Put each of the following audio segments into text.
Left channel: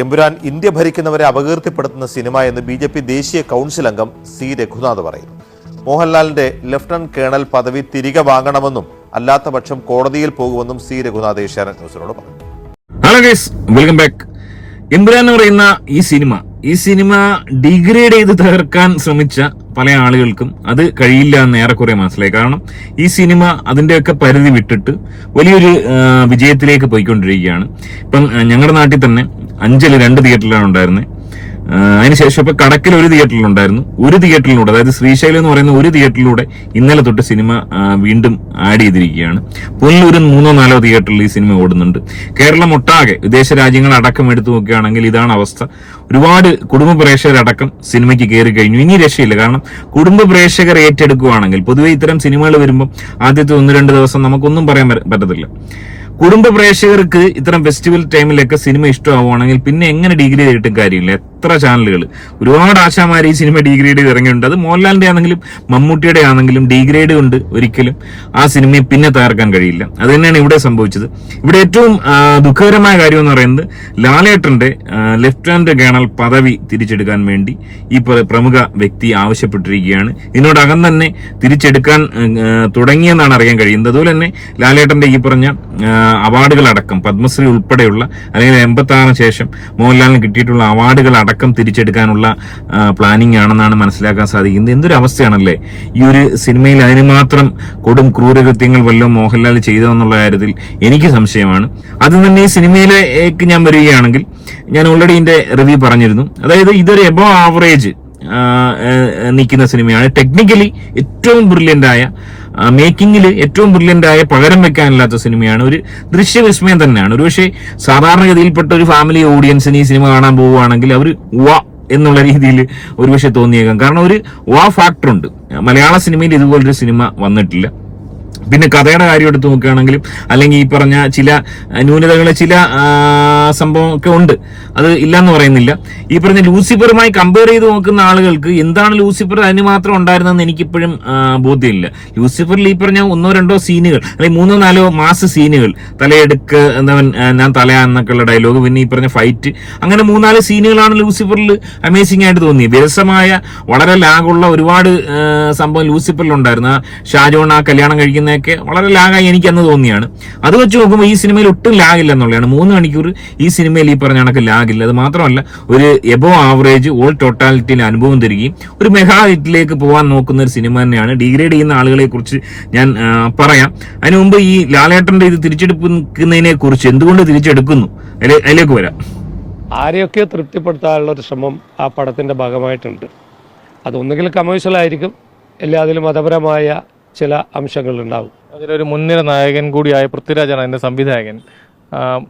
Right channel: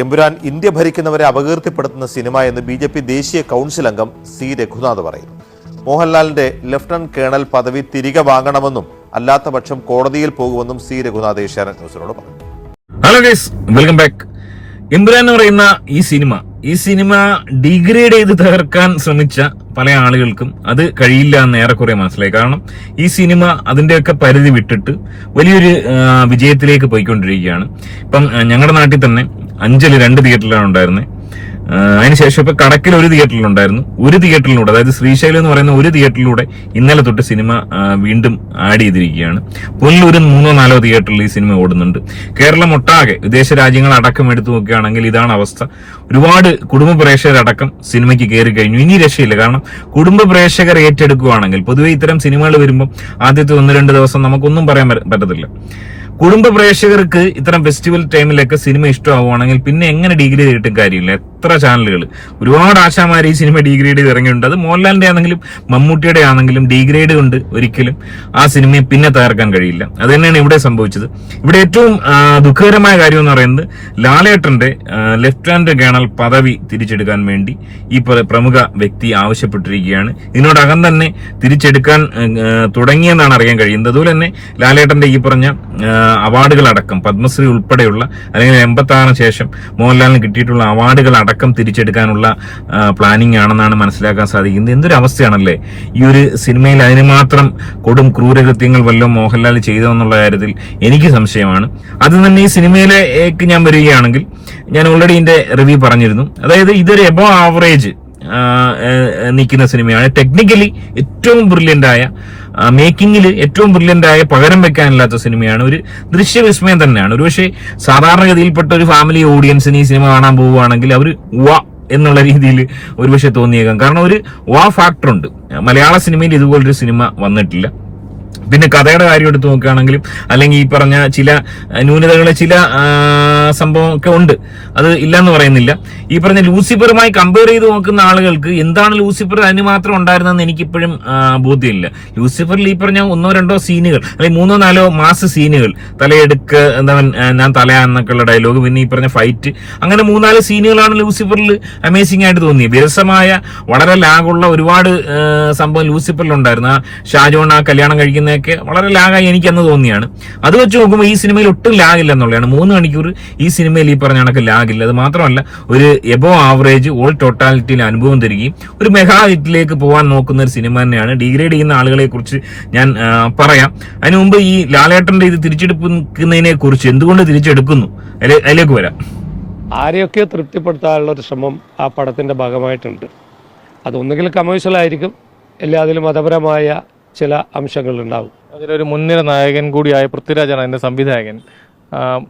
Empuraan India ഭരിക്കുന്നവരെ അപകീർത്തിപ്പെടുത്തുന്ന cinema എന്ന് B J P ദേശീയ കൗൺസിൽ അംഗം സി രഘുനാഥ് പറയുന്നു. മോഹൻലാലിന്റെ ലഫ്റ്റനന്റ് കേണൽ പദവി തിരികെ വാങ്ങണമെന്നും അല്ലാത്ത പക്ഷം കോടതിയിൽ പോകുമെന്നും സി രഘുനാഥ് ഏഷ്യാനെറ്റ് ന്യൂസിനോട് പറഞ്ഞു. Hello guys welcome back Empuraan എന്ന് പറയുന്ന ഈ സിനിമ ഈ സിനിമ ഡിഗ്രേഡ് ചെയ്ത് തകർക്കാൻ ശ്രമിച്ച പല ആളുകൾക്കും അത് കഴിയില്ല എന്ന് ഏറെക്കുറെ മനസ്സിലായി. കാരണം ഈ സിനിമ അതിന്റെയൊക്കെ പരിധി വിട്ടിട്ട് വലിയൊരു വിജയത്തിലേക്ക് പോയിക്കൊണ്ടിരിക്കുകയാണ്. ഇപ്പം ഞങ്ങളുടെ നാട്ടിൽ തന്നെ അഞ്ചൽ രണ്ട് തിയേറ്ററിലാണ് ഉണ്ടായിരുന്നത് അതിനുശേഷം ഇപ്പൊ കടക്കിൽ ഒരു തിയേറ്ററിലുണ്ടായിരുന്നു. ഒരു തിയേറ്ററിലൂടെ അതായത് ശ്രീശൈലം എന്ന് പറയുന്ന ഒരു തിയേറ്ററിലൂടെ ഇന്നലെ തൊട്ട് സിനിമ വീണ്ടും ആഡ് ചെയ്തിരിക്കുകയാണ്. പുനലൂരിൽ മൂന്നോ നാലോ തിയേറ്ററിൽ ഈ സിനിമ ഓടുന്നുണ്ട്. കേരളം ഒട്ടാകെ വിദേശ രാജ്യങ്ങൾ അടക്കം എടുത്തു നോക്കുകയാണെങ്കിൽ ഇതാണ് അവസ്ഥ. ഒരുപാട് കുടുംബ പ്രേക്ഷകരടക്കം സിനിമയ്ക്ക് കയറി കഴിഞ്ഞു. ഇനി രക്ഷയില്ല. കാരണം കുടുംബ പ്രേക്ഷകർ ഏറ്റെടുക്കുകയാണെങ്കിൽ പൊതുവെ ഇത്തരം സിനിമകൾ വരുമ്പോൾ ആദ്യത്തെ ഒന്ന് രണ്ട് ദിവസം നമുക്കൊന്നും പറയാൻ പറ്റ- പറ്റത്തില്ല. കുടുംബ പ്രേക്ഷകർക്ക് ഇത്തരം ഫെസ്റ്റിവൽ ടൈമിലൊക്കെ സിനിമ ഇഷ്ടമാവുകയാണെങ്കിൽ പിന്നെ എങ്ങനെ ഡിഗ്രി ചെയ്തിട്ടും കാര്യമില്ല. എത്ര ചാനലുകൾ ഒരുപാട് ആശാമാർ ഈ സിനിമ ഡിഗ്രേഡ് ചെയ്ത് ഇറങ്ങിയിട്ടുണ്ട്. അത് മോഹൻലാലിന്റെ ആണെങ്കിലും മമ്മൂട്ടിയുടെ ആണെങ്കിലും ഡിഗ്രേഡ് കൊണ്ട് ഒരിക്കലും ആ സിനിമയെ പിന്നെ തകർക്കാൻ കഴിയില്ല. അത് തന്നെയാണ് ഇവിടെ സംഭവിച്ചത്. ഇവിടെ ഏറ്റവും ദുഃഖകരമായ കാര്യം എന്ന് പറയുന്നത് ലാലേട്ടന്റെ ലെഫ്റ്റ് ഹാൻഡ് കേണൽ പദവി തിരിച്ചെടുക്കാൻ വേണ്ടി ഈ പ്രമുഖ വ്യക്തി ആവശ്യപ്പെട്ടിരിക്കുകയാണ്. ഇതിനോടകം തന്നെ തിരിച്ചെടുക്കാൻ തുടങ്ങിയെന്നാണ് അറിയാൻ കഴിയുന്നത്. അതുപോലെ തന്നെ ലാലേട്ടന്റെ ഈ പറഞ്ഞ അവാർഡുകളടക്കം പത്മശ്രീ ഉൾപ്പെടെയുള്ള അല്ലെങ്കിൽ എൺപത്തി ശേഷം മോഹൻലാലിന് കിട്ടിയിട്ടുള്ള അവാർഡുകൾ അടക്കം തിരിച്ചെടുക്കാനുള്ള പ്ലാനിങ് ആണെന്നാണ് മനസ്സിലാക്കാൻ സാധിക്കുന്നത്. എന്തൊരു അവസ്ഥയാണല്ലേ ഈ ഒരു സിനിമയിൽ അതിന് മാത്രം കൊടും ക്രൂരകൃത്യങ്ങൾ വല്ലതും മോഹൻലാൽ ചെയ്തോ എന്നുള്ള കാര്യത്തിൽ എനിക്ക് സംശയമാണ്. അത് തന്നെ ഈ സിനിമയിലേക്ക് ഞാൻ വരികയാണെങ്കിൽ ഞാൻ ഓൾറെഡി ഇതിന്റെ റിവ്യൂ പറഞ്ഞിരുന്നു. അതായത് ഇതൊരു എബോ ആവറേജ് നിൽക്കുന്ന സിനിമയാണ്. ടെക്നിക്കലി ഏറ്റവും ബ്രില്യന്റ് ആയ മേക്കിങ്ങിൽ ഏറ്റവും ബ്രില്യന്റ് ആയ പകരം വെക്കാനില്ലാത്ത സിനിമയാണ്. ഒരു ദൃശ്യവിസ്മയം തന്നെയാണ്. ഒരുപക്ഷെ സാധാരണഗതിയിൽപ്പെട്ട ഒരു ഫാമിലി ഓഡിയൻസിന് ഈ സിനിമ കാണാൻ പോവുകയാണെങ്കിൽ അവർ വാ എന്നുള്ള രീതിയിൽ ഒരുപക്ഷെ തോന്നിയേക്കാം. കാരണം ഒരു വാ ഫാക്ടർ ഉണ്ട്. മലയാള സിനിമയിൽ ഇതുപോലൊരു സിനിമ വന്നിട്ടില്ല. പിന്നെ കഥയുടെ കാര്യം എടുത്ത് നോക്കുകയാണെങ്കിലും അല്ലെങ്കിൽ ഈ പറഞ്ഞ ചില ന്യൂനതകളെ ചില ആ, സംഭവമൊക്കെ ഉണ്ട്. അത് ഇല്ലാന്ന് പറയുന്നില്ല. ഈ പറഞ്ഞ ലൂസിഫറുമായി കമ്പയർ ചെയ്ത് നോക്കുന്ന ആളുകൾക്ക് എന്താണ് ലൂസിഫർ അതിന് മാത്രം ഉണ്ടായിരുന്നെന്ന് എനിക്കിപ്പോഴും ബോധ്യമില്ല. ലൂസിഫറിൽ ഈ പറഞ്ഞ ഒന്നോ രണ്ടോ സീനുകൾ അല്ലെങ്കിൽ മൂന്നോ നാലോ മാസ് സീനുകൾ തലയെടുക്ക് എന്താ ഞാൻ തല എന്നൊക്കെയുള്ള ഡയലോഗ് പിന്നെ ഈ പറഞ്ഞ ഫൈറ്റ് അങ്ങനെ മൂന്നാൽ സീനുകളാണ് ലൂസിഫറിൽ അമേസിംഗ് ആയിട്ട് തോന്നി വിരസമായ വളരെ ലാഗുള്ള ഒരുപാട് സംഭവം ലൂസിഫറിൽ ഉണ്ടായിരുന്നു. ആ ഷാജോൺ ആ കല്യാണം കഴിക്കുന്നതൊക്കെ വളരെ ലാഗായി എനിക്ക് അന്ന് തോന്നിയാണ്. അത് വെച്ച് നോക്കുമ്പോൾ ഈ സിനിമയിൽ ഒട്ടും ലാഗില്ല എന്നുള്ളതാണ്. മൂന്ന് മണിക്കൂർ ഈ സിനിമയിൽ ഈ പറഞ്ഞ കണക്ക് ലാഗില്ല. അത് മാത്രമല്ല ഒരു എബോ ആവറേജ് ഓൾ ടോട്ടാലിറ്റിയിൽ അനുഭവം തരികയും ഒരു മെഗാ ഹിറ്റിലേക്ക് പോകാൻ നോക്കുന്ന ഒരു സിനിമ തന്നെയാണ്. ഡിഗ്രേഡ് ചെയ്യുന്ന ആളുകളെ കുറിച്ച് ഞാൻ പറയാം. അതിനു മുമ്പ് ഈ ലാലേട്ടന്റെ ഇത് തിരിച്ചെടുക്കുന്നതിനെ കുറിച്ച് എന്തുകൊണ്ട് തിരിച്ചെടുക്കുന്നു? അതിലെ- അതിലേക്ക് വരാം. ആരെയൊക്കെ തൃപ്തിപ്പെടുത്താനുള്ള ഒരു ശ്രമം ആ പടത്തിന്റെ ഭാഗമായിട്ടുണ്ട്. അതൊന്നുകിൽ കമേഴ്ഷ്യലായിരിക്കും ആയിരിക്കും അതിൽ മതപരമായ ചില അംശങ്ങളുണ്ടാവും. അതിലൊരു മുൻനിര നായകൻ കൂടിയായ പൃഥ്വിരാജാണ് അതിന്റെ സംവിധായകൻ.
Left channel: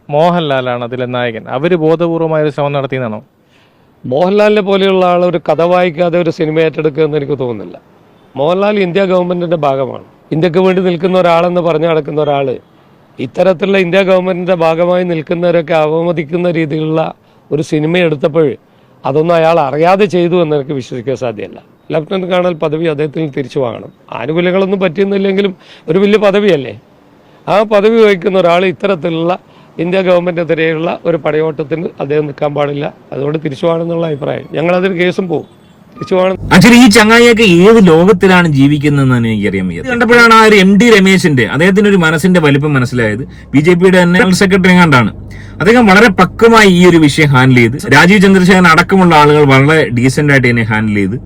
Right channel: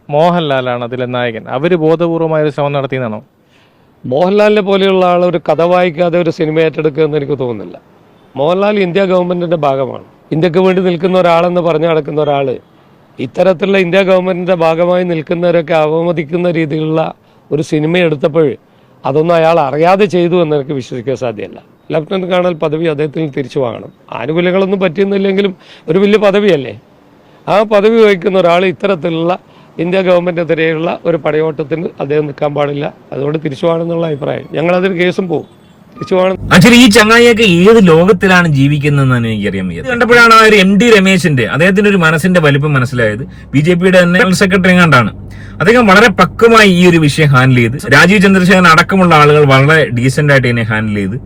മോഹൻലാലാണ് അതിലെ നായകൻ. അവർ ബോധപൂർവമായ ഒരു ശ്രമം നടത്തിയെന്നാണോ? മോഹൻലാലിനെ പോലെയുള്ള ആൾ ഒരു കഥ വായിക്കാതെ ഒരു സിനിമ ഏറ്റെടുക്കുമെന്ന് എനിക്ക് തോന്നുന്നില്ല. മോഹൻലാൽ ഇന്ത്യ ഗവൺമെന്റിന്റെ ഭാഗമാണ്. ഇന്ത്യയ്ക്ക് വേണ്ടി നിൽക്കുന്ന ഒരാളെന്ന് പറഞ്ഞു നടക്കുന്ന ഒരാൾ ഇത്തരത്തിലുള്ള ഇന്ത്യ ഗവൺമെന്റിന്റെ ഭാഗമായി നിൽക്കുന്നവരൊക്കെ അവമതിക്കുന്ന രീതിയിലുള്ള ഒരു സിനിമ എടുത്തപ്പോൾ അതൊന്നും അയാൾ അറിയാതെ ചെയ്തു എന്ന് എനിക്ക് വിശ്വസിക്കാൻ സാധ്യമല്ല. ലഫ്റ്റനന്റ് കേണൽ പദവി അദ്ദേഹത്തിന് തിരിച്ചു വാങ്ങണം. ആനുകൂല്യങ്ങളൊന്നും പറ്റിയെന്നില്ലെങ്കിലും ഒരു വലിയ പദവിയല്ലേ? ആ പദവി വഹിക്കുന്ന ഒരാൾ ഇത്തരത്തിലുള്ള ഇന്ത്യ ഗവൺമെന്റിനെതിരെയുള്ള ഒരു പടയോട്ടത്തിന് അദ്ദേഹം നിൽക്കാൻ പാടില്ല. അതുകൊണ്ട് തിരിച്ചു വേണമെന്നുള്ള അഭിപ്രായം. ഞങ്ങളതിന് കേസും പോകും ആക്ച്വലി ഈ ചങ്ങായിയൊക്കെ ഏത് ലോകത്തിലാണ് ജീവിക്കുന്നതെന്നാണ് എനിക്കറിയാൻ വയ്യത് കണ്ടപ്പോഴാണ് ആ ഒരു എം ഡി രമേശിന്റെ അദ്ദേഹത്തിന്റെ ഒരു മനസ്സിന്റെ വലിപ്പം മനസ്സിലായത്. ബി ജെ പിയുടെ തന്നെ ജനറൽ സെക്രട്ടറി കണ്ടാണ് അദ്ദേഹം വളരെ പക്വമായി ഈ ഒരു വിഷയം ഹാൻഡിൽ ചെയ്ത് രാജീവ് ചന്ദ്രശേഖരൻ അടക്കമുള്ള ആളുകൾ വളരെ ഡീസന്റ് ആയിട്ട് ഇതിനെ ഹാൻഡിൽ ചെയ്ത്.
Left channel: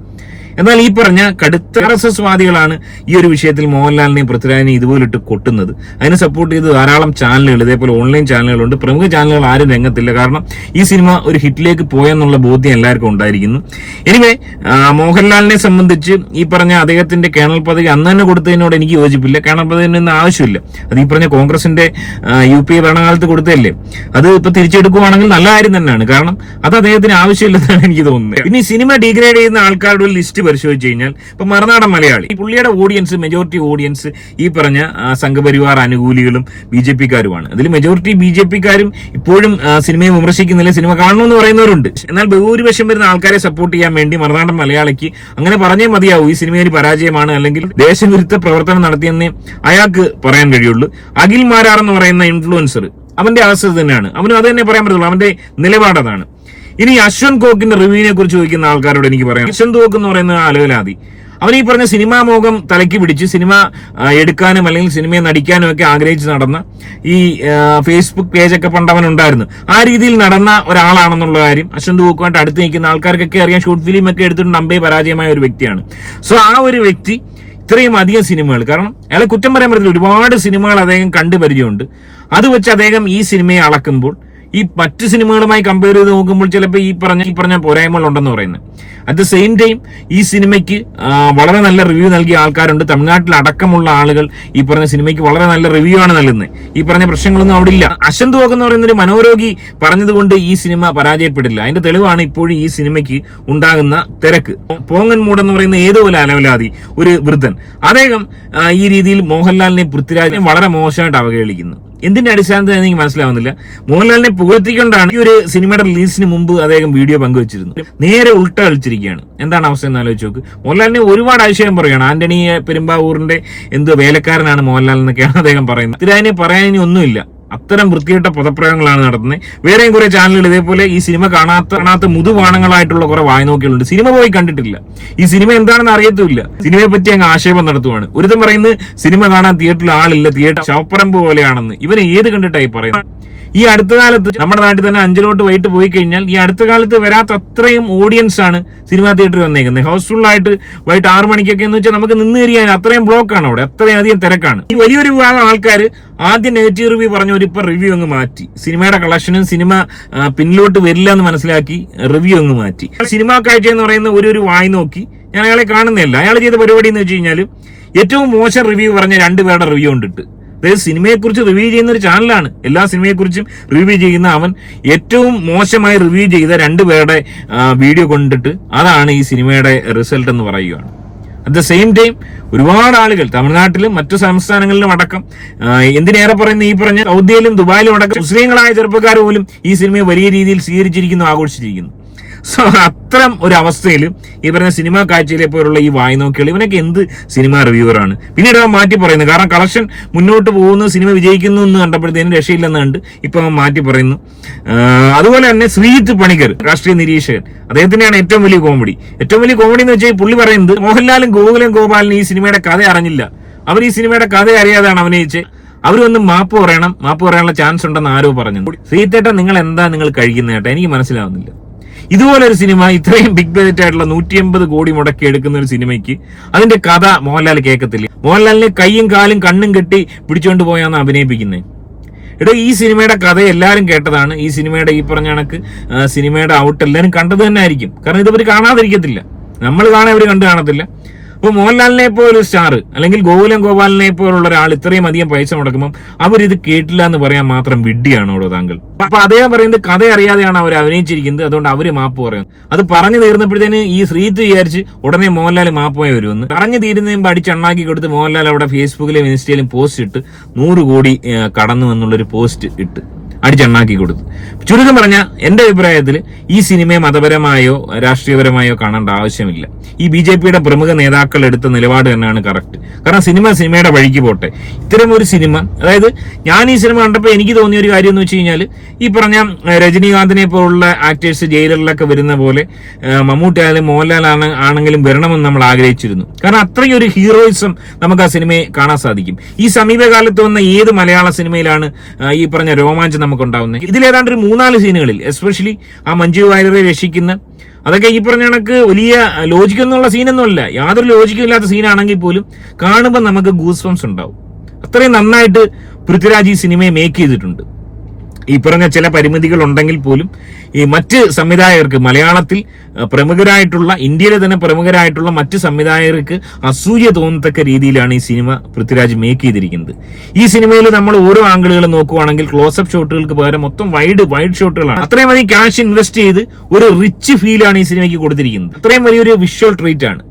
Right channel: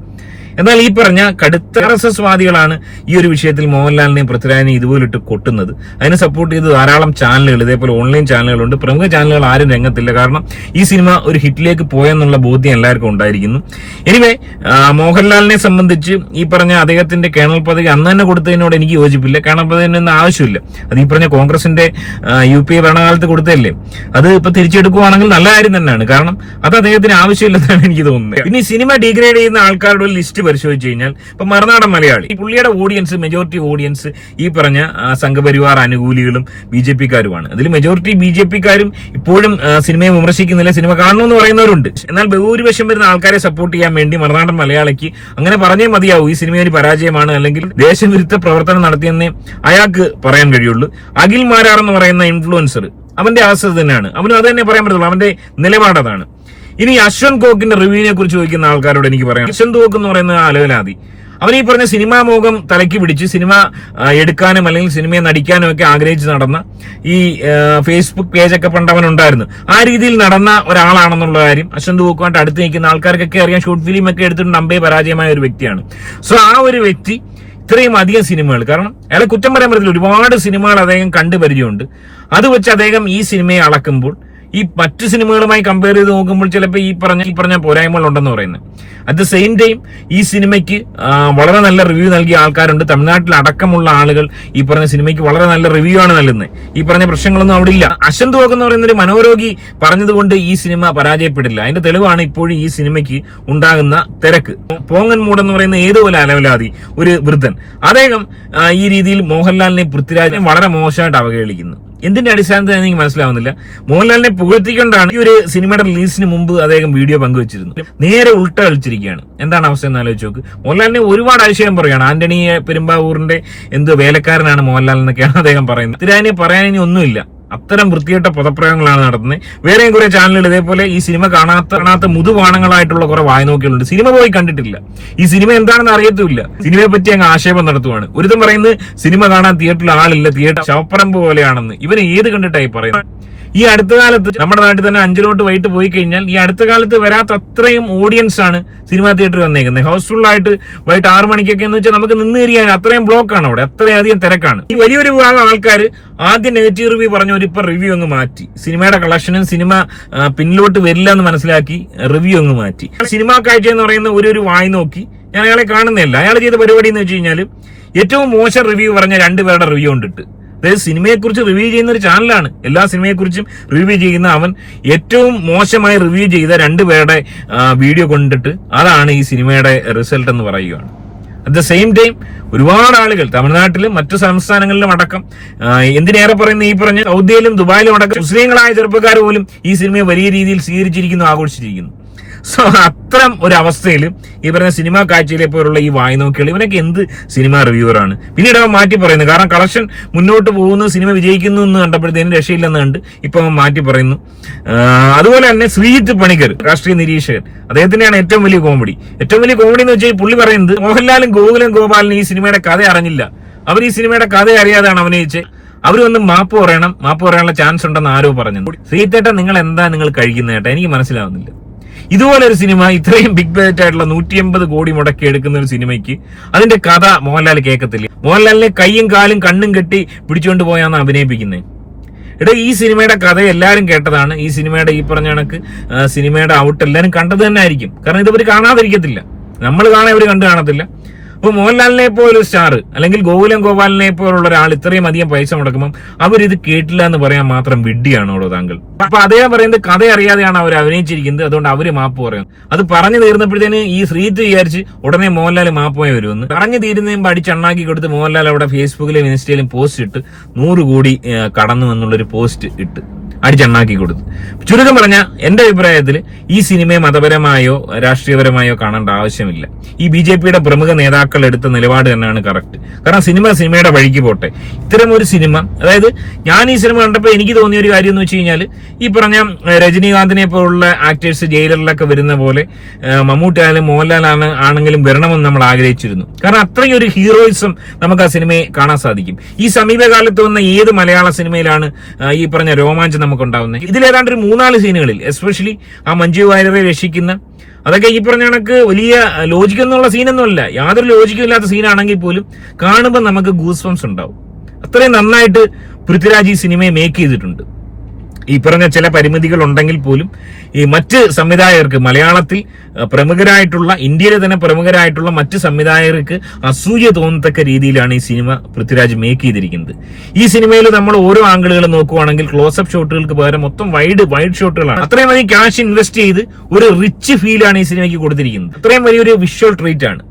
എന്നാൽ ഈ പറഞ്ഞ കടുത്ത ആർ ഈ ഒരു വിഷയത്തിൽ മോഹൻലാലിനെയും പൃഥ്വിരാജിനെയും ഇതുപോലിട്ട് കൊട്ടുന്നത്. അതിനെ സപ്പോർട്ട് ചെയ്ത് ധാരാളം ചാനലുകൾ ഇതേപോലെ ഓൺലൈൻ ചാനലുകളുണ്ട് പ്രമുഖ ചാനലുകൾ ആരും രംഗത്തില്ല. കാരണം ഈ സിനിമ ഒരു ഹിറ്റിലേക്ക് പോയെന്നുള്ള ബോധ്യം എല്ലാവർക്കും ഉണ്ടായിരിക്കുന്നു. എനിവേ മോഹൻലാലിനെ സംബന്ധിച്ച് ഈ പറഞ്ഞ അദ്ദേഹത്തിന്റെ കേണൽ പദവി അന്ന് തന്നെ കൊടുത്തതിനോട് എനിക്ക് യോജിപ്പില്ല. കേണൽ പദവിനൊന്നും ആവശ്യമില്ല. അത് ഈ പറഞ്ഞ കോൺഗ്രസിന്റെ യു പി ഭരണകാലത്ത് കൊടുത്തതല്ലേ. അത് ഇപ്പൊ തിരിച്ചെടുക്കുവാണെങ്കിൽ നല്ല കാര്യം തന്നെയാണ്. കാരണം അത് അദ്ദേഹത്തിന് ആവശ്യമില്ലെന്നാണ് എനിക്ക് തോന്നുന്നത്. പിന്നെ ഈ സിനിമ ഡിഗ്രേഡ് ചെയ്യുന്ന ആൾക്കാരുടെ ഒരു ലിസ്റ്റ് പരിശോധിച്ച് കഴിഞ്ഞാൽ ഇപ്പൊ മറുനാടൻ മലയാളി. ഈ പുള്ളിയുടെ ഓഡിയൻസ് മെജോറിറ്റി ഓഡിയൻസ് ഈ പറഞ്ഞ സംഘപരിവാർ അനുകൂലികളും ബി ജെ പിക്കാരുമാണ്. അതിൽ മെജോറിറ്റി ബി ജെ പിക്കാരും ഇപ്പോഴും സിനിമയെ വിമർശിക്കുന്നില്ല സിനിമ കാണണമെന്ന് പറയുന്നവരുണ്ട്. എന്നാൽ ബഹുഭൂരിപക്ഷം വരുന്ന ആൾക്കാരെ സപ്പോർട്ട് ചെയ്യാൻ വേണ്ടി മറുനാടൻ മലയാളിക്ക് അങ്ങനെ പറഞ്ഞേ മതിയാവും. ഈ സിനിമ ഒരു പരാജയമാണ് അല്ലെങ്കിൽ ദേശവിരുദ്ധ പ്രവർത്തനം നടത്തിയെന്നേ അയാൾക്ക് പറയാൻ കഴിയുള്ളൂ. അഖിൽ മാരാർ എന്ന് പറയുന്ന ഇൻഫ്ലുവൻസർ അവന്റെ അവസ്ഥ തന്നെയാണ്. അവനും അത് തന്നെ പറയാൻ പറ്റുള്ളൂ അവന്റെ നിലപാട് അതാണ്. ഇനി അശ്വന്ത് കോക്കിന്റെ റിവ്യൂവിനെ കുറിച്ച് ചോദിക്കുന്ന ആൾക്കാരോട് എനിക്ക് പറയാം. അശ്വന്ത് കോക്ക് എന്ന് പറയുന്ന അലവലാതി അവൻ ഈ പറഞ്ഞ സിനിമാ മോഹം തലയ്ക്ക് പിടിച്ച് സിനിമ എടുക്കാനും അല്ലെങ്കിൽ സിനിമയെ നടിക്കാനും ഒക്കെ ആഗ്രഹിച്ച് നടന്ന ഈ ഫേസ്ബുക്ക് പേജൊക്കെ പണ്ടവൻ ഉണ്ടായിരുന്നു ആ രീതിയിൽ നടന്ന ഒരാളാണെന്നുള്ള കാര്യം അശ്വന്ത് കോക്കുമായിട്ട് അടുത്ത് നിൽക്കുന്ന ആൾക്കാർക്കൊക്കെ അറിയാം. ഷോർട്ട് ഫിലിം ഒക്കെ എടുത്തിട്ട് നമ്പേ പരാജയമായ ഒരു വ്യക്തിയാണ്. സോ ആ ഒരു വ്യക്തി ഇത്രയും അധികം സിനിമകൾ കാരണം അയാളെ കുറ്റം പറയാൻ പറ്റില്ല ഒരുപാട് സിനിമകൾ അദ്ദേഹം കണ്ടു പരിചയമുണ്ട്. അത് വെച്ച് അദ്ദേഹം ഈ സിനിമയെ അളക്കുമ്പോൾ ഈ മറ്റു സിനിമകളുമായി കമ്പയർ ചെയ്ത് നോക്കുമ്പോൾ ചിലപ്പോൾ ഈ പറഞ്ഞ ഈ പറഞ്ഞ പോരായ്മകൾ ഉണ്ടെന്ന് പറയുന്നത്. അറ്റ് ദ സെയിം ടൈം ഈ സിനിമയ്ക്ക് വളരെ നല്ല റിവ്യൂ നൽകിയ ആൾക്കാരുണ്ട്. തമിഴ്നാട്ടിൽ അടക്കമുള്ള ആളുകൾ ഈ പറഞ്ഞ സിനിമയ്ക്ക് വളരെ നല്ല റിവ്യൂ ആണ് നൽകുന്നത്. ഈ പറഞ്ഞ പ്രശ്നങ്ങളൊന്നും അവിടെ ഇല്ല. അശന്ത് വോക്ക് എന്ന് പറയുന്ന ഒരു മനോരോഗി പറഞ്ഞതുകൊണ്ട് ഈ സിനിമ പരാജയപ്പെടില്ല. അതിന്റെ തെളിവാണ് ഇപ്പോഴും ഈ സിനിമയ്ക്ക് ഉണ്ടാകുന്ന തിരക്ക്. പോങ്ങൻ മൂഡ് എന്ന് പറയുന്ന ഒരു അലവലാതി ഒരു വൃദ്ധൻ. അദ്ദേഹം ഈ രീതിയിൽ മോഹൻലാലിനെ പൃഥ്വിരാജിനെ വളരെ മോശമായിട്ട് അവഹേളിക്കുന്നു. എന്തിന്റെ അടിസ്ഥാനത്തിൽ എനിക്ക് മനസ്സിലാവുന്നില്ല. മോഹൻലാലിനെ പുകഴ്ത്തിക്കൊണ്ടാണ് ഈ ഒരു സിനിമയുടെ റിലീസിന് മുമ്പ് അദ്ദേഹം വീഡിയോ പങ്കുവച്ചിരുന്നത്. നേരെ ഉൾട്ട കളിച്ചിരിക്കുകയാണ്. എന്താണ് അവസ്ഥ എന്ന് ആലോചിച്ച് നോക്ക്. മോഹൻലാലിനെ ഒരുപാട് ആശയം പറയുകയാണ്. ആന്റണി പെരുമ്പാവൂറിന്റെ എന്ത് വേലക്കാരനാണ് മോഹൻലാൽ എന്നൊക്കെയാണ് അദ്ദേഹം പറയുന്നത്. പറയാൻ ഇനി ഒന്നുമില്ല. അത്തരം വൃത്തികെട്ട പദപ്രയോഗങ്ങളാണ് നടത്തുന്നത്. വേറെയും കുറെ ചാനലുകൾ ഇതേപോലെ ഈ സിനിമ കാണാത്ത കാണാത്ത മുതുവാണങ്ങളായിട്ടുള്ള കുറെ വായനോക്കികളുണ്ട് സിനിമ പോയി കണ്ടിട്ടില്ല. ഈ സിനിമ എന്താണെന്ന് അറിയത്തുമില്ല. സിനിമയെ പറ്റി അങ്ങ് ആക്ഷേപം നടത്തുവാണ്. ഒരുത്തം പറയുന്നത് സിനിമ കാണാൻ തിയേറ്ററിൽ ആളില്ല തിയേറ്റർ ശവപ്പറമ്പ് പോലെയാണെന്ന്. ഇവന് ഏത് കണ്ടിട്ടായി പറയുന്നത്? ഈ അടുത്ത കാലത്ത് നമ്മുടെ നാട്ടിൽ തന്നെ അഞ്ചലോട്ട് വൈകിട്ട് പോയി കഴിഞ്ഞാൽ ഈ അടുത്ത കാലത്ത് വരാത്ത അത്രയും ഓഡിയൻസ് ആണ് സിനിമാ തിയേറ്ററിൽ വന്നേക്കുന്നത്. ഹൗസ്ഫുൾ ആയിട്ട് വൈകിട്ട് ആറു മണിക്കൊക്കെ എന്ന് വെച്ചാൽ നമുക്ക് നിന്ന് തിരിയാൻ അത്രയും ബ്ലോക്ക് ആണ് അവിടെ. അത്രയധികം തിരക്കാണ്. ഈ വലിയൊരു വിഭാഗം ആൾക്കാർ ആദ്യം നെഗറ്റീവ് റിവ്യൂ പറഞ്ഞവർ ഇപ്പൊ റിവ്യൂ അങ്ങ് മാറ്റി. സിനിമയുടെ കളക്ഷനും സിനിമ പിന്നിലോട്ട് വരില്ല എന്ന് മനസ്സിലാക്കി റിവ്യൂ അങ്ങ് മാറ്റി. സിനിമാ കാഴ്ച എന്ന് പറയുന്ന ഒരു ഒരു വായി നോക്കി ഞാൻ അയാളെ കാണുന്നില്ല അയാൾ ചെയ്ത പരിപാടി എന്ന് വെച്ച് കഴിഞ്ഞാൽ ഏറ്റവും മോശം റിവ്യൂ പറഞ്ഞ രണ്ടുപേരുടെ റിവ്യൂ കൊണ്ടിട്ട്. അതായത് സിനിമയെക്കുറിച്ച് റിവ്യൂ ചെയ്യുന്ന ഒരു ചാനലാണ്. എല്ലാ സിനിമയെക്കുറിച്ചും റിവ്യൂ ചെയ്യുന്ന അവൻ ഏറ്റവും മോശമായി റിവ്യൂ ചെയ്ത രണ്ടുപേരുടെ വീഡിയോ കൊണ്ടിട്ട് അതാണ് ഈ സിനിമയുടെ റിസൾട്ട് എന്ന് പറയുകയാണ് അറ്റ് ദ സെയിം ടൈം ഒരുപാട് ആളുകൾ തമിഴ്നാട്ടിലും മറ്റു സംസ്ഥാനങ്ങളിലും അടക്കം എന്തിനേറെ പറയുന്ന ഈ പറഞ്ഞ സൗദിയിലും ദുബായിലും അടക്കം മുസ്ലിങ്ങളായ ചെറുപ്പക്കാർ പോലും ഈ സിനിമയെ വലിയ രീതിയിൽ സ്വീകരിച്ചിരിക്കുന്നു ആഘോഷിച്ചിരിക്കുന്നു. സോ അത്തരം ഒരു അവസ്ഥയിൽ ഈ പറഞ്ഞ സിനിമാ കാഴ്ചയിലെ പോലുള്ള ഈ വായി നോക്കിയാൽ ഇവനൊക്കെ എന്ത് സിനിമ റിവ്യൂവറാണ്. പിന്നീട് അവൻ മാറ്റി പറയുന്നു. കാരണം കളക്ഷൻ മുന്നോട്ട് പോകുന്നു സിനിമ വിജയിക്കുന്നു എന്ന് കണ്ടപ്പോഴത്തേനും രക്ഷയില്ലെന്ന് കണ്ട് ഇപ്പൊ അവൻ മാറ്റി പറയുന്നു. അതുപോലെ തന്നെ ശ്രീജിത്ത് പണിക്കർ രാഷ്ട്രീയ നിരീക്ഷകൻ. അദ്ദേഹത്തിന്റെയാണ് ഏറ്റവും വലിയ കോമഡി. ഏറ്റവും വലിയ കോമഡി എന്ന് വെച്ചാൽ പുള്ളി പറയുന്നത് മോഹൻലാലും ഗോകുലും ഗോപാലിനും ഈ സിനിമയുടെ കഥ അറിഞ്ഞില്ല. അവർ ഈ സിനിമയുടെ കഥ അറിയാതെയാണ് അഭിനയിച്ച് അവർ വന്ന് മാപ്പ് പറയണം. മാപ്പ് പറയാനുള്ള ചാൻസ് ഉണ്ടെന്ന് ആരോ പറഞ്ഞു ശ്രീത്തേട്ട നിങ്ങൾ എന്താ നിങ്ങൾ കഴിക്കുന്ന എനിക്ക് മനസ്സിലാവുന്നില്ല. ഇതുപോലെ ഒരു സിനിമ ഇത്രയും ബിഗ് ബജറ്റ് ആയിട്ടുള്ള നൂറ്റി എൺപത് കോടി മുടക്കി എടുക്കുന്ന ഒരു സിനിമയ്ക്ക് അതിന്റെ കഥ മോഹൻലാൽ കേൾക്കത്തില്ല. മോഹൻലാലിനെ കൈയും കാലും കണ്ണും കെട്ടി പിടിച്ചുകൊണ്ട് പോയാന്ന് അഭിനയിപ്പിക്കുന്നത് എടാ ഈ സിനിമയുടെ കഥ എല്ലാവരും കേട്ടതാണ്. ഈ സിനിമയുടെ ഈ പറഞ്ഞ കണക്ക് സിനിമയുടെ ഔട്ട് എല്ലാവരും കണ്ടത് തന്നെ ആയിരിക്കും. കാരണം ഇതവർ കാണാതിരിക്കത്തില്ല. നമ്മൾ കാണാൻ അവർ കണ്ടു കാണത്തില്ല. അപ്പൊ മോഹൻലാലിനെ പോലെ സ്റ്റാർ അല്ലെങ്കിൽ ഗോകുലം ഗോപാലിനെ പോലുള്ള ഒരാൾ ഇത്രയും അധികം പൈസ മുടക്കുമ്പോൾ അവരിത് കേട്ടില്ല എന്ന് പറയാൻ മാത്രം വിഡ്ഢിയാണോ താങ്കൾ? അപ്പൊ അദ്ദേഹം പറയുന്നത് കഥ അറിയാതെയാണ് അവർ അഭിനയിച്ചിരിക്കുന്നത്. അതുകൊണ്ട് അവർ മാപ്പ് പറയും അത് പറഞ്ഞു തീർന്നപ്പോഴത്തേന് ഈ ശ്രീത്ത് വിചാരിച്ച് ഉടനെ മോഹൻലാൽ മാപ്പ് പോയി വരുമെന്ന്. പറഞ്ഞു തീരുന്നതിന് അടിച്ചണ്ണാക്കി കൊടുത്ത് മോഹൻലാൽ അവിടെ ഫേസ്ബുക്കിലും ഇൻസ്റ്റയിലും പോസ്റ്റ് ഇട്ട് നൂറ് കോടി കടന്നു എന്നുള്ളൊരു പോസ്റ്റ് ഇട്ട്. അടിച്ചണ്ണാക്കി കൊടുത്തു. ചുരുക്കം പറഞ്ഞ എന്റെ അഭിപ്രായത്തിൽ ഈ സിനിമയെ മതപരമായോ രാഷ്ട്രീയപരമായോ കാണേണ്ട ആവശ്യമില്ല. ഈ ബി ജെ പിയുടെ പ്രമുഖ നേതാക്കൾ എടുത്ത നിലപാട് തന്നെയാണ് കറക്റ്റ്. കാരണം സിനിമ സിനിമയുടെ വഴിക്ക് പോട്ടെ. ഇത്തരം ഒരു സിനിമ അതായത് ഞാൻ ഈ സിനിമ കണ്ടപ്പോൾ എനിക്ക് തോന്നിയ ഒരു കാര്യം എന്ന് വെച്ച് കഴിഞ്ഞാൽ ഈ പറഞ്ഞ രജനീകാന്തിനെ പോലുള്ള ആക്ടേഴ്സ് ജയിലറിലൊക്കെ വരുന്ന പോലെ മമ്മൂട്ടി ആയാലും മോഹൻലാലാണ് ആണെങ്കിലും വരണമെന്ന് നമ്മൾ ആഗ്രഹിച്ചിരുന്നു. കാരണം അത്രയും ഒരു ഹീറോയിസം നമുക്ക് ആ സിനിമയെ കാണാൻ സാധിക്കും. ഈ സമീപകാലത്ത് വന്ന ഏത് മലയാള സിനിമയിലാണ് ഈ പറഞ്ഞ രോമാഞ്ചം നമുക്ക് ഉണ്ടാവുന്നത് ഇതിൽ ഏതാണ്ട് ഒരു മൂന്നാൽ സീനുകളിൽ എസ്പെഷ്യലി ആ മഞ്ജു വാര്യരെ രക്ഷിക്കുന്ന അതൊക്കെ ഈ പറഞ്ഞ കണക്ക് വലിയ ലോജിക്കൊന്നുള്ള സീനൊന്നുമല്ല. യാതൊരു ലോജിക്കും ഇല്ലാത്ത സീനാണെങ്കിൽ പോലും കാണുമ്പോൾ നമുക്ക് ഗൂസ് ഉണ്ടാവും. അത്രയും നന്നായിട്ട് പൃഥ്വിരാജ് ഈ സിനിമയെ മേക്ക് ചെയ്തിട്ടുണ്ട്. ഈ പറഞ്ഞ ചില പരിമിതികൾ ഉണ്ടെങ്കിൽ പോലും ഈ മറ്റ് സംവിധായകർക്ക് മലയാളത്തിൽ പ്രമുഖരായിട്ടുള്ള ഇന്ത്യയിലെ തന്നെ പ്രമുഖരായിട്ടുള്ള മറ്റ് സംവിധായകർക്ക് അസൂയ തോന്നത്തക്ക രീതിയിലാണ് ഈ സിനിമ പൃഥ്വിരാജ് മേക്ക് ചെയ്തിരിക്കുന്നത്. ഈ സിനിമയിൽ നമ്മൾ ഓരോ ആംഗിളുകളും നോക്കുവാണെങ്കിൽ ക്ലോസപ്പ് ഷോട്ടുകൾക്ക് പകരം മൊത്തം വൈഡ് വൈഡ് ഷോട്ടുകളാണ് അത്രയും അധികം ക്യാഷ് ഇൻവെസ്റ്റ് ചെയ്ത് ഒരു റിച്ച് ഫീലാണ് ഈ സിനിമയ്ക്ക് കൊടുത്തിരിക്കുന്നത്. അത്രയും വലിയൊരു വിഷ്വൽ ട്രീറ്റ് ആണ്.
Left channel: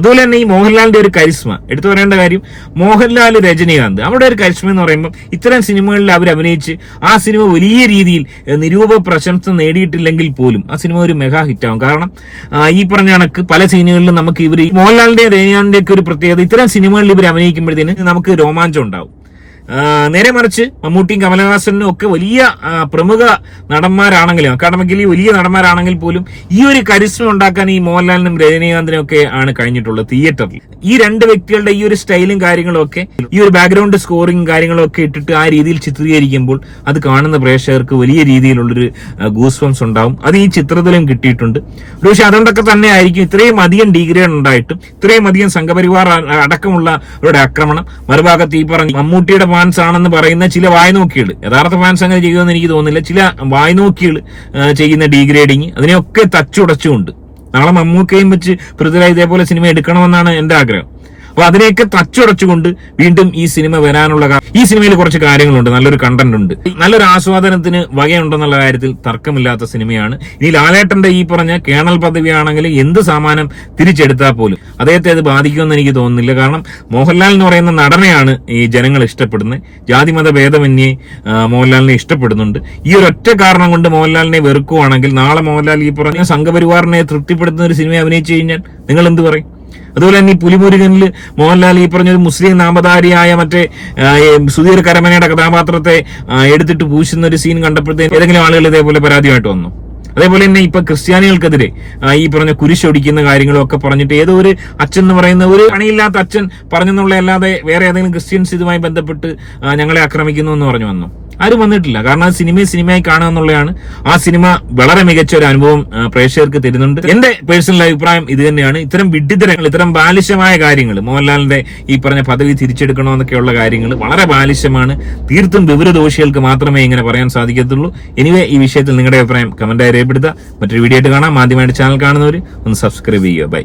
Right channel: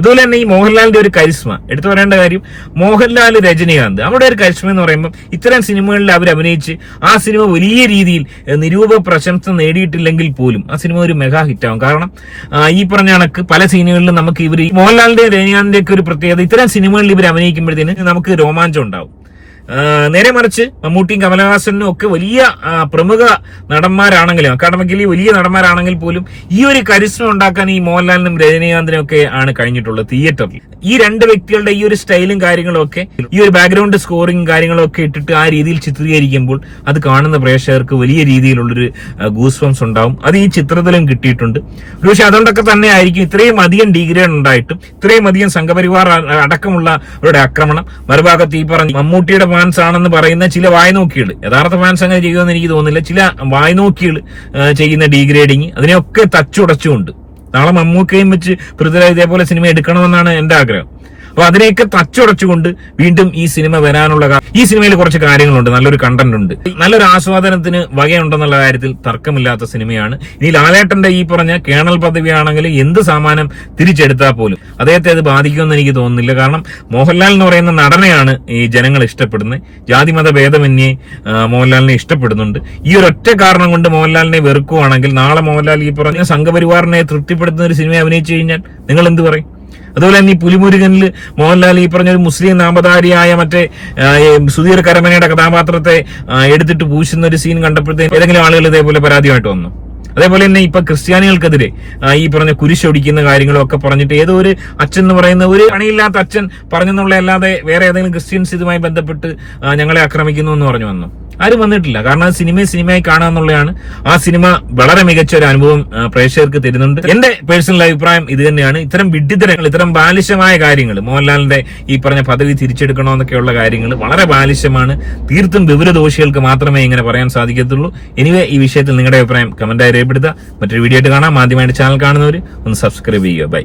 അതുപോലെ തന്നെ ഈ മോഹൻലാലിന്റെ ഒരു കരിസ്മ. എടുത്തു പറയേണ്ട കാര്യം മോഹൻലാൽ രജനീകാന്ത്. അവിടെ ഒരു കരിസ്മ എന്ന് പറയുമ്പോൾ ഇത്തരം സിനിമകളിൽ അവർ അഭിനയിച്ച് ആ സിനിമ വലിയ രീതിയിൽ നിരൂപ പ്രശംസ നേടിയിട്ടില്ലെങ്കിൽ പോലും ആ സിനിമ ഒരു മെഗാ ഹിറ്റാവും. കാരണം ഈ പറഞ്ഞ കണക്ക് പല സീനുകളിലും നമുക്ക് ഇവർ മോഹൻലാലിന്റെ രജനീകാന്തിന്റെ ഒക്കെ ഒരു പ്രത്യേകത ഇത്തരം സിനിമകളിൽ ഇവർ അഭിനയിക്കുമ്പോഴത്തേന് നമുക്ക് രോമാഞ്ചം ഉണ്ടാവും. നേരെ മറിച്ച് മമ്മൂട്ടിയും കമലഹാസനും ഒക്കെ വലിയ പ്രമുഖ നടന്മാരാണെങ്കിലും അക്കാഡമിക്കലി വലിയ നടന്മാരാണെങ്കിൽ പോലും ഈ ഒരു കരിസ്മ ഉണ്ടാക്കാൻ ഈ മോഹൻലാലിനും രജനീകാന്തിനും ഒക്കെ ആണ് കഴിഞ്ഞിട്ടുള്ളത് തിയേറ്ററിൽ ഈ രണ്ട് വ്യക്തികളുടെ ഈ ഒരു സ്റ്റൈലും കാര്യങ്ങളും ഒക്കെ ഈ ഒരു ബാക്ക്ഗ്രൗണ്ട് സ്കോറിംഗ് കാര്യങ്ങളും ഒക്കെ ഇട്ടിട്ട് ആ രീതിയിൽ ചിത്രീകരിക്കുമ്പോൾ അത് കാണുന്ന പ്രേക്ഷകർക്ക് വലിയ രീതിയിലുള്ളൊരു ഗൂസ്വംസ് ഉണ്ടാവും. അത് ഈ ചിത്രത്തിലും കിട്ടിയിട്ടുണ്ട്. പക്ഷെ അതുകൊണ്ടൊക്കെ തന്നെ ആയിരിക്കും ഇത്രയും അധികം ഡിഗ്രേഡ് ഉണ്ടായിട്ടും ഇത്രയും അധികം സംഘപരിവാർ അടക്കമുള്ളവരുടെ ആക്രമണം. മറുഭാഗത്ത് ഈ പറഞ്ഞ മമ്മൂട്ടിയുടെ ഫാൻസ് ആണെന്ന് പറയുന്ന ചില വായ്നോക്കികൾ യഥാർത്ഥ ഫാൻസ് അങ്ങനെ ചെയ്യുമെന്ന് എനിക്ക് തോന്നുന്നില്ല. ചില വായ്നോക്കികൾ ചെയ്യുന്ന ഡീഗ്രേഡിങ് അതിനെയൊക്കെ തച്ചുടച്ചുകൊണ്ട്. നാളെ മമ്മൂക്കയും വെച്ച് പൃഥ്വിരാജ് ഇതേപോലെ സിനിമ എടുക്കണമെന്നാണ് എന്റെ ആഗ്രഹം. അപ്പൊ അതിനെയൊക്കെ തച്ചുടച്ചുകൊണ്ട് വീണ്ടും ഈ സിനിമ വരാനുള്ള ഈ സിനിമയിൽ കുറച്ച് കാര്യങ്ങളുണ്ട്. നല്ലൊരു കണ്ടന്റ് ഉണ്ട്. നല്ലൊരു ആസ്വാദനത്തിന് വകയുണ്ടെന്നുള്ള കാര്യത്തിൽ തർക്കമില്ലാത്ത സിനിമയാണ്. ഇനി ലാലേട്ടന്റെ ഈ പറഞ്ഞ കേണൽ പദവിയാണെങ്കിൽ എന്ത് സാമാനം തിരിച്ചെടുത്താൽ പോലും അദ്ദേഹത്തെ അത് ബാധിക്കുമെന്ന് എനിക്ക് തോന്നുന്നില്ല. കാരണം മോഹൻലാൽ എന്ന് പറയുന്ന നടനെയാണ് ഈ ജനങ്ങൾ ഇഷ്ടപ്പെടുന്നത്. ജാതിമത ഭേദമന്യേ മോഹൻലാലിനെ ഇഷ്ടപ്പെടുന്നുണ്ട്. ഈ ഒരു ഒറ്റ കാരണം കൊണ്ട് മോഹൻലാലിനെ വെറുക്കുവാണെങ്കിൽ നാളെ മോഹൻലാൽ ഈ പറഞ്ഞ സംഘപരിവാറിനെ തൃപ്തിപ്പെടുത്തുന്ന ഒരു സിനിമ അഭിനയിച്ചു കഴിഞ്ഞാൽ നിങ്ങൾ എന്ത് പറയും? അതുപോലെ തന്നെ ഈ പുലിമുരുകനിൽ മോഹൻലാൽ ഈ പറഞ്ഞ ഒരു മുസ്ലിം നാമധാരിയായ മറ്റേ സുധീർ കരമനയുടെ കഥാപാത്രത്തെ എടുത്തിട്ട് പൂശുന്ന ഒരു സീൻ കണ്ടപ്പോഴത്തേക്ക് ഏതെങ്കിലും ആളുകൾ ഇതേപോലെ പരാതിയായിട്ട് വന്നു. അതേപോലെ തന്നെ ഇപ്പൊ ക്രിസ്ത്യാനികൾക്കെതിരെ ഈ പറഞ്ഞ കുരിശൊടിക്കുന്ന കാര്യങ്ങളും ഒക്കെ പറഞ്ഞിട്ട് ഏതോ ഒരു അച്ഛൻ എന്ന് പറയുന്ന ഒരു പണിയില്ലാത്ത അച്ഛൻ പറഞ്ഞെന്നുള്ള അല്ലാതെ വേറെ ഏതെങ്കിലും ക്രിസ്ത്യൻസ് ഇതുമായി ബന്ധപ്പെട്ട് ഞങ്ങളെ ആക്രമിക്കുന്നു എന്ന് പറഞ്ഞു വന്നു. ആരും വന്നിട്ടില്ല. കാരണം ആ സിനിമയെ സിനിമയായി കാണുക എന്നുള്ളതാണ്. ആ സിനിമ വളരെ മികച്ച ഒരു അനുഭവം പ്രേക്ഷകർക്ക് തരുന്നുണ്ട്. എന്റെ പേഴ്സണൽ അഭിപ്രായം ഇത് തന്നെയാണ്. ഇത്തരം വിഡ്ഢിത്തരങ്ങൾ ഇത്തരം ബാലിശമായ കാര്യങ്ങൾ മോഹൻലാലിന്റെ ഈ പറഞ്ഞ പദവി തിരിച്ചെടുക്കണോ എന്നൊക്കെയുള്ള കാര്യങ്ങൾ വളരെ ബാലിശമാണ്. തീർത്തും വിവരദോഷികൾക്ക് മാത്രമേ ഇങ്ങനെ പറയാൻ സാധിക്കത്തുള്ളൂ. എനിവേ ഈ വിഷയത്തിൽ നിങ്ങളുടെ അഭിപ്രായം കമന്റായി രേഖപ്പെടുത്തുക. മറ്റൊരു വീഡിയോ ആയിട്ട് കാണാം. ആദ്യമായിട്ട് ചാനൽ കാണുന്നവർ ഒന്ന് സബ്സ്ക്രൈബ് ചെയ്യുക. ബൈ